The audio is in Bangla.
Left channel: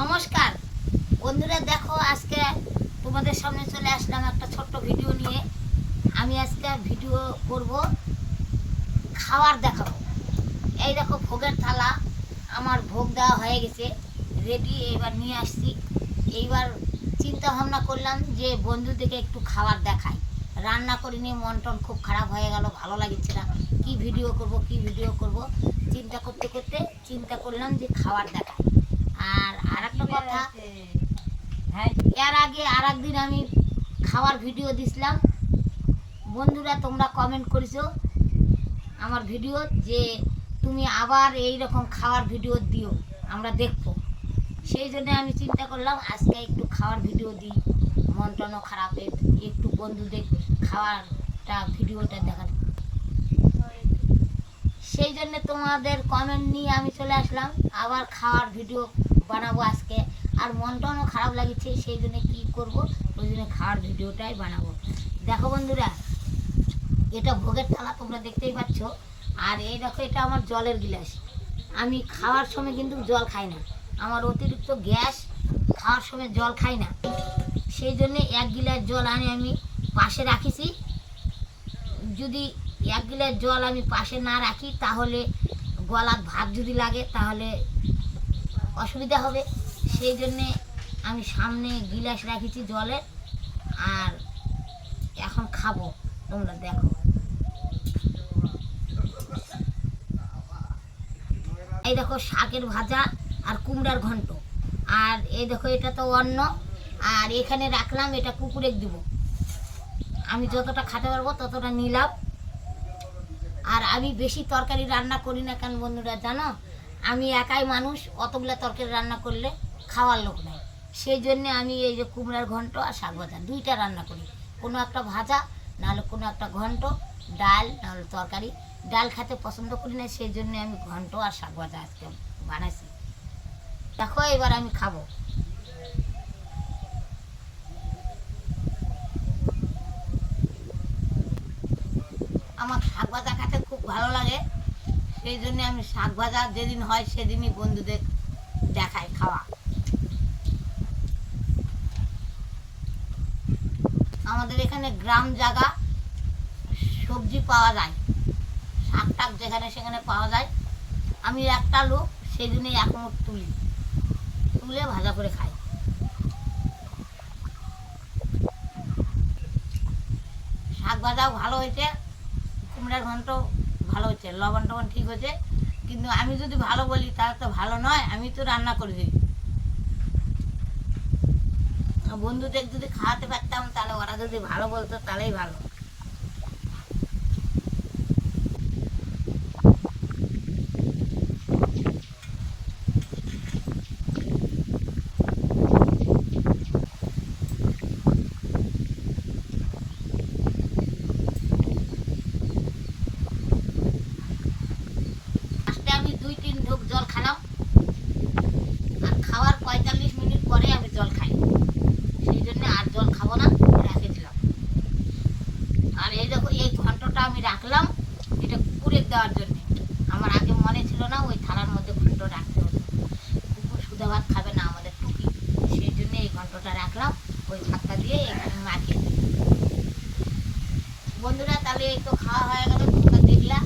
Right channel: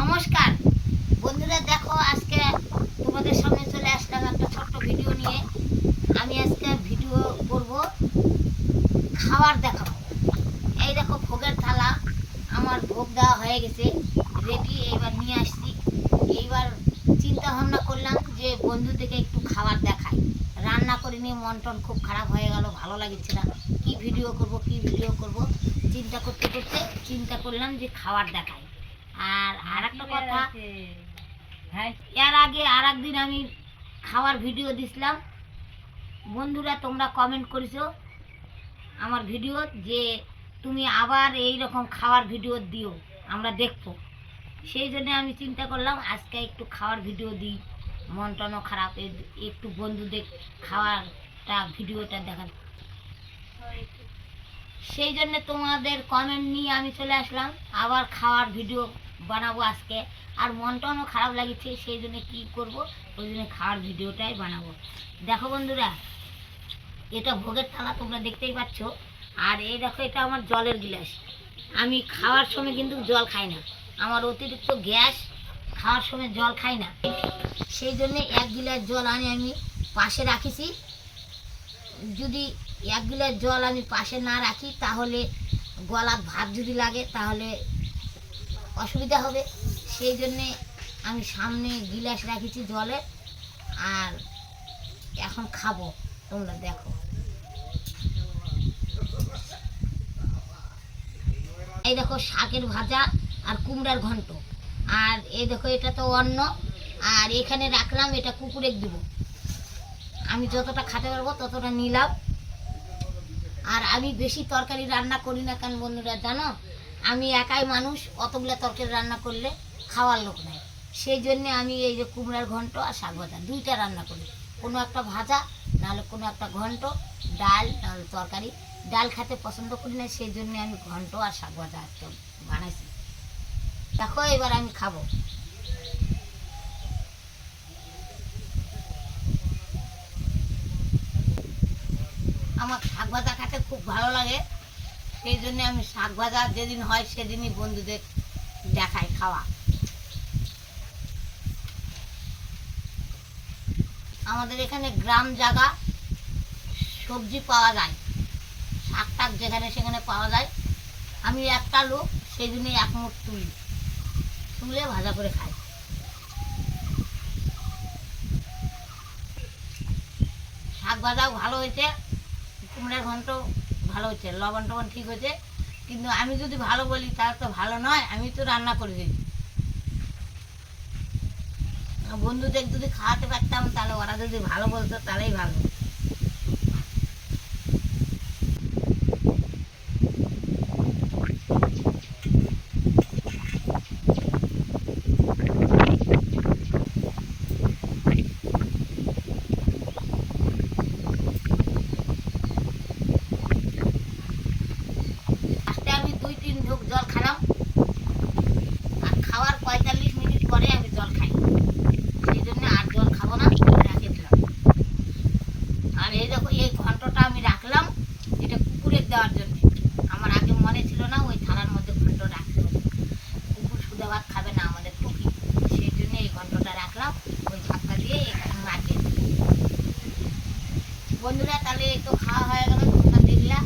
নমস্কার। বন্ধুরা, দেখো, আজকে তোমাদের সামনে চলে আসলাম একটা ছোট্ট ভিডিও নিয়ে। আমি আজকে ভিডিও করব খাবার দেখাবো। এই দেখো, ভোগের থালা। আমার ভোগ দেওয়া হয়ে গেছে। রেডি এবার নিয়ে আসছি। এইবার চিন্তা ভাবনা করলাম যে বন্ধুদেরকে একটু খাবার দেখাই। রান্না করে নিয়ে মন টন খুব খারাপ হয়ে গেল, ভালো লাগছে না। কি ভিডিও করব, কি ভিডিও করব? চিন্তা করতে করতে চিন্তা করলাম যে খাবার দেখাই। আর আর একটা কথা এর আগে আর একদিন আমি খাওয়ার ভিডিও দিছিলাম। বন্ধুরা তোমরা কমেন্ট করেছ আমার ভিডিও যে তুমি আবার এই রকম খাওয়ার ভিডিও দিও আমরা দেখব। সেই জন্য আমি চিন্তা করলাম আজকে একটু খাওয়ার ভিডিও দিই। মন টনও খারাপ একটু বন্ধুদের খাওয়ারটা ভিডিওটা দেখান। সেই জন্য তোমাদের কমেন্ট নিয়ে আমি চলে আসলাম। আবার খাওয়ার ভিডিও বানাবো আজকে। আর মন টনও খারাপ লাগছে, সেই জন্য কী করব? ওই জন্য খাওয়ার ভিডিওটাই বানাবো। দেখো বন্ধুরা, এটা ভোগের থালা তোমরা দেখতেই পাচ্ছ। আর এই দেখো, এটা আমার জলের গিলাস। আমি খাওয়ার সময় কিন্তু জল খাই না। আমার অতিরিক্ত গ্যাস, খাওয়ার সময় জল খাই না। সেই জন্য এক গিলাস জল আনি আমি পাশে রাখিছি। যদি এক গিলাস জল আমি পাশে না রাখি, তাহলে গলার ভাত যদি লাগে, তাহলে অসুবিধা হবে। সেই জন্যে আমি সামনে গিলাস রাখেছি জলের আর এখন খাব। তোমরা দেখো। এই দেখো শাকের ভাজা আর কুমড়ার ঘন্ট। আর এই দেখো এটা তো অন্ন, আর এখানে রাখলাম এটা কুকুরে দিব। আমি যতটা খেতে পারব ততটা নিলাম। আর আমি বেশি তরকারি রান্না করি না কেন বন্ধুরা, জানো? আমি একাই মানুষ, অতগুলো তরকারি রান্না করলে খাওয়ার লোক নাই। সেই জন্যে আমি এই যে কুমড়ার ঘন্ট আর শাক ভাজা, দুইটা রান্না করি। কোনো একটা ভাজা, নাহলে কোনো একটা ঘন্ট, ডাল, নাহলে তরকারি। ডাল খেতে পছন্দ করি না সেই জন্যে আমি ঘন্ট আর শাক ভাজা আজকে বানাইছি। দেখো, এবার আমি খাব। আমার শাক ভাজা খেতে খুব ভালো লাগে। সেই জন্য আমি শাক ভাজা যেদিন হয় সেদিনই বন্ধুদের দেখাই খাওয়া। আমাদের এখানে গ্রাম জায়গা, সবজি পাওয়া যায়। শাক টাক যেখানে সেখানে পাওয়া যায়। আমি একটা লোক সেই জন্যই এক মুঠ তুলি। তুলে ভাজা করে খাই। শাক ভাজাও ভালো হয়েছে। কুমড়ার ঘন্ট ভালো হচ্ছে, লবণ টবণ ঠিক হচ্ছে। কিন্তু আমি যদি ভালো বলি, তাহলে তো ভালো নয়, আমি তো রান্না করে দিই। বন্ধুদের যদি খাওয়াতে পারতাম, তাহলে ওরা যদি ভালো বলতো, তাহলেই ভালো আজকে আমি দুই তিন ঢোক জল খেলাম আর খাওয়ার পঁয়তাল্লিশ মিনিট পরে আমি জল খাই। সেই জন্য আর জল খাব না, রেখে দিলাম। আর এই দেখো, এই ঘন্টটা আমি রাখলাম, এটা কুকুরের দেওয়ার জন্য। আমার আগে মনে ছিল না ওই থালার মধ্যে ঘন্ট রাখতে হবে। কুকুর সুদা ভাত খাবে না আমাদের টুকি। সেই জন্য এই ঘন্টটা রাখলাম, ওই ভাতটা দিয়ে মাখিয়ে দিলাম। বন্ধুরা, তাহলে এই তো খাওয়া হয়ে গেল, তোমরা দেখলা।